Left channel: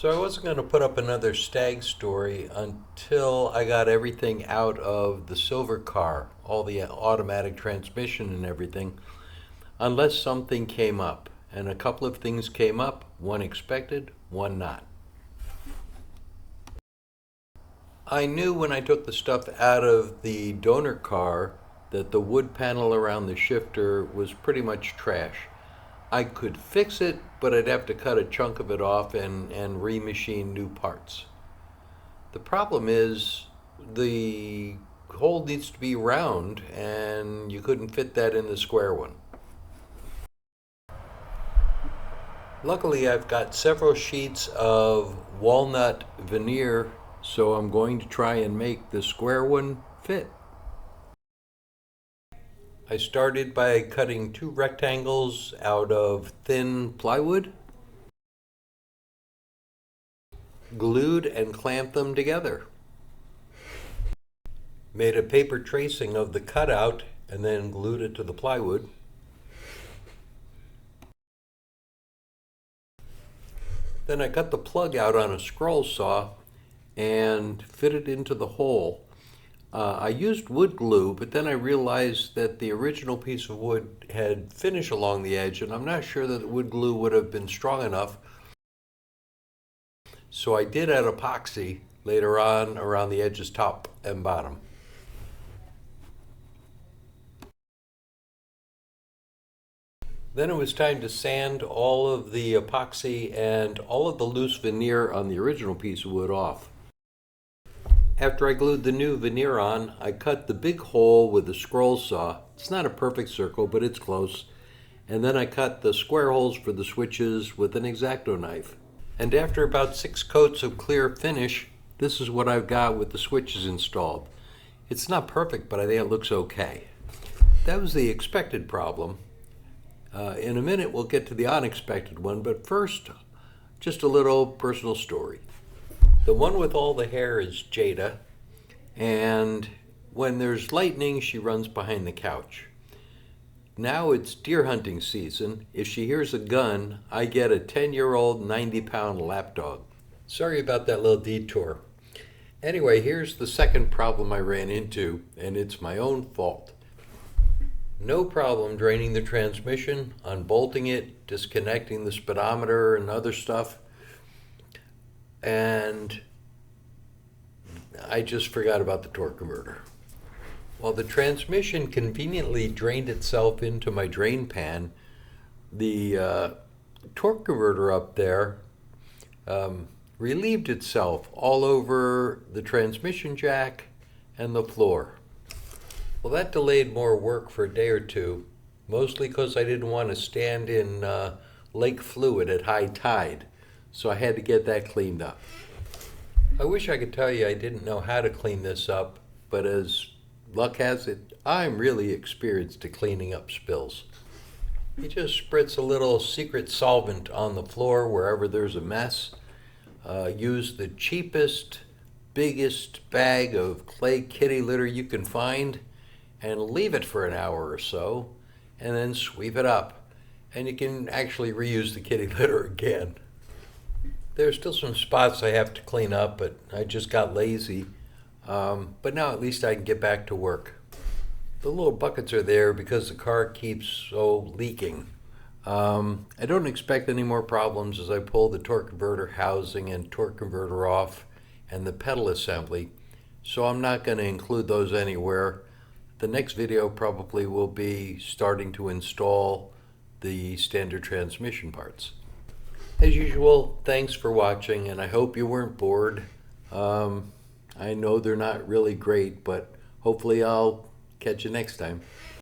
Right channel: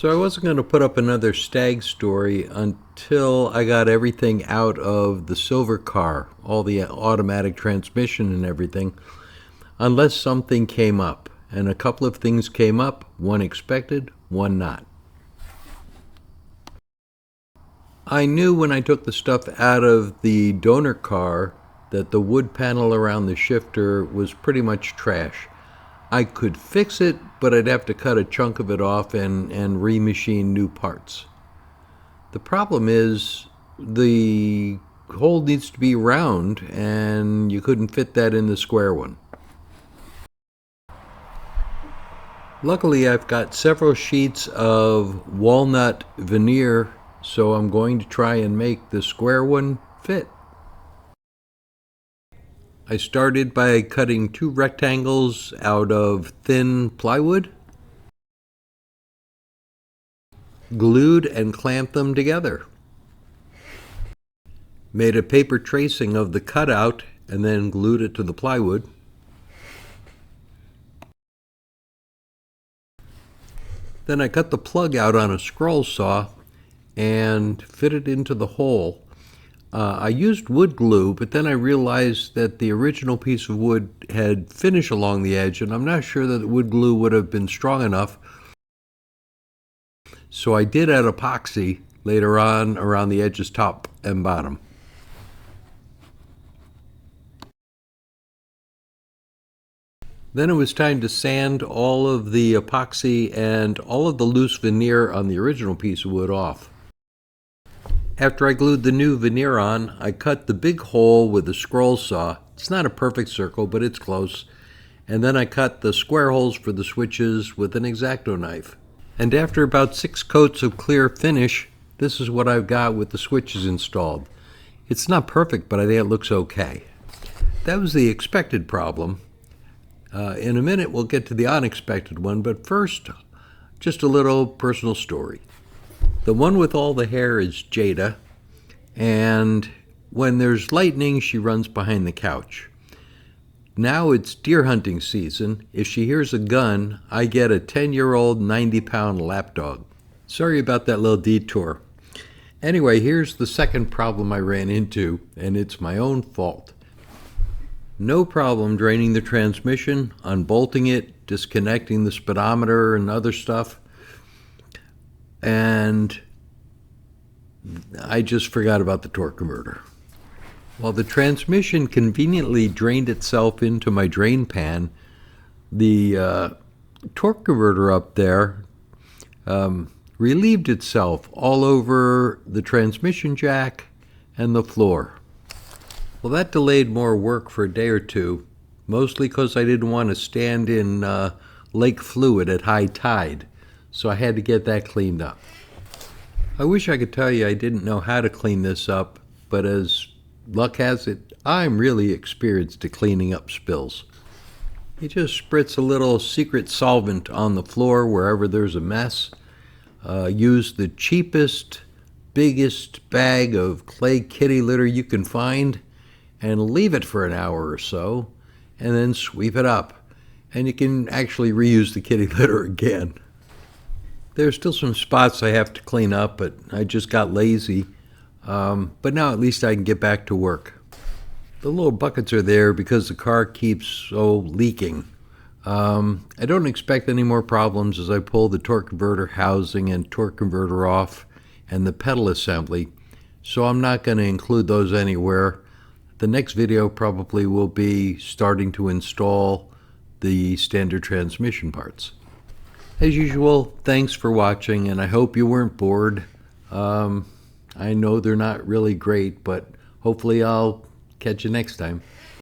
So I wasn't going to put up another Stag story until I got everything out of the silver car, all the automatic transmission and everything, unless something came up. And a couple of things came up, one expected, one not. I knew when I took the stuff out of the donor car that the wood panel around the shifter was pretty much trash. I could fix it, but I'd have to cut a chunk of it off and remachine new parts. The problem is the hole needs to be round, and you couldn't fit that in the square one. Luckily, I've got several sheets of walnut veneer, so I'm going to try and make the square one fit. I started by cutting two rectangles out of thin plywood, glued and clamped them together. Made a paper tracing of the cutout and then glued it to the plywood. Then I cut the plug out on a scroll saw and fit it into the hole. I used wood glue, but then I realized that the original piece of wood had finish along the edge, and I'm not sure that the wood glue would have been strong enough. So I did add epoxy later on around the edges, top and bottom. Then it was time to sand all of the epoxy and all of the loose veneer on the original piece of wood off. After I glued the new veneer on, I cut the big hole with a scroll saw. It's not a perfect circle, but it's close. And then I cut the square holes for the switches with an X-Acto knife. And after about 6 coats of clear finish, this is what I've got with the switches installed. It's not perfect, but I think it looks okay. That was the expected problem. In a minute, we'll get to the unexpected one, but first, just a little personal story. The one with all the hair is Jada, and when there's lightning, she runs behind the couch. Now it's deer hunting season. If she hears a gun, I get a 10-year-old, 90-pound lapdog. Sorry about that little detour. Anyway, here's the second problem I ran into, and it's my own fault. No problem draining the transmission, unbolting it, disconnecting the speedometer and other stuff. And I just forgot about the torque converter. While the transmission conveniently drained itself into my drain pan, the torque converter up there relieved itself all over the transmission jack and the floor. Well, that delayed more work for a day or two, mostly because I didn't want to stand in lake fluid at high tide, so I had to get that cleaned up. I wish I could tell you I didn't know how to clean this up, but as luck has it, I'm really experienced at cleaning up spills. You just spritz a little secret solvent on the floor wherever there's a mess. Use the cheapest, biggest bag of clay kitty litter you can find and leave it for an hour or so, and then sweep it up. And you can actually reuse the kitty litter again. There's still some spots I have to clean up, but I just got lazy. But now at least I can get back to work. The little buckets are there because the car keeps leaking. I don't expect any more problems as I pull the torque converter housing and torque converter off and the pedal assembly, so I'm not going to include those anywhere. The next video probably will be starting to install the standard transmission parts. As usual, thanks for watching, and I hope you weren't bored. I know they're not really great, but hopefully I'll catch you next time.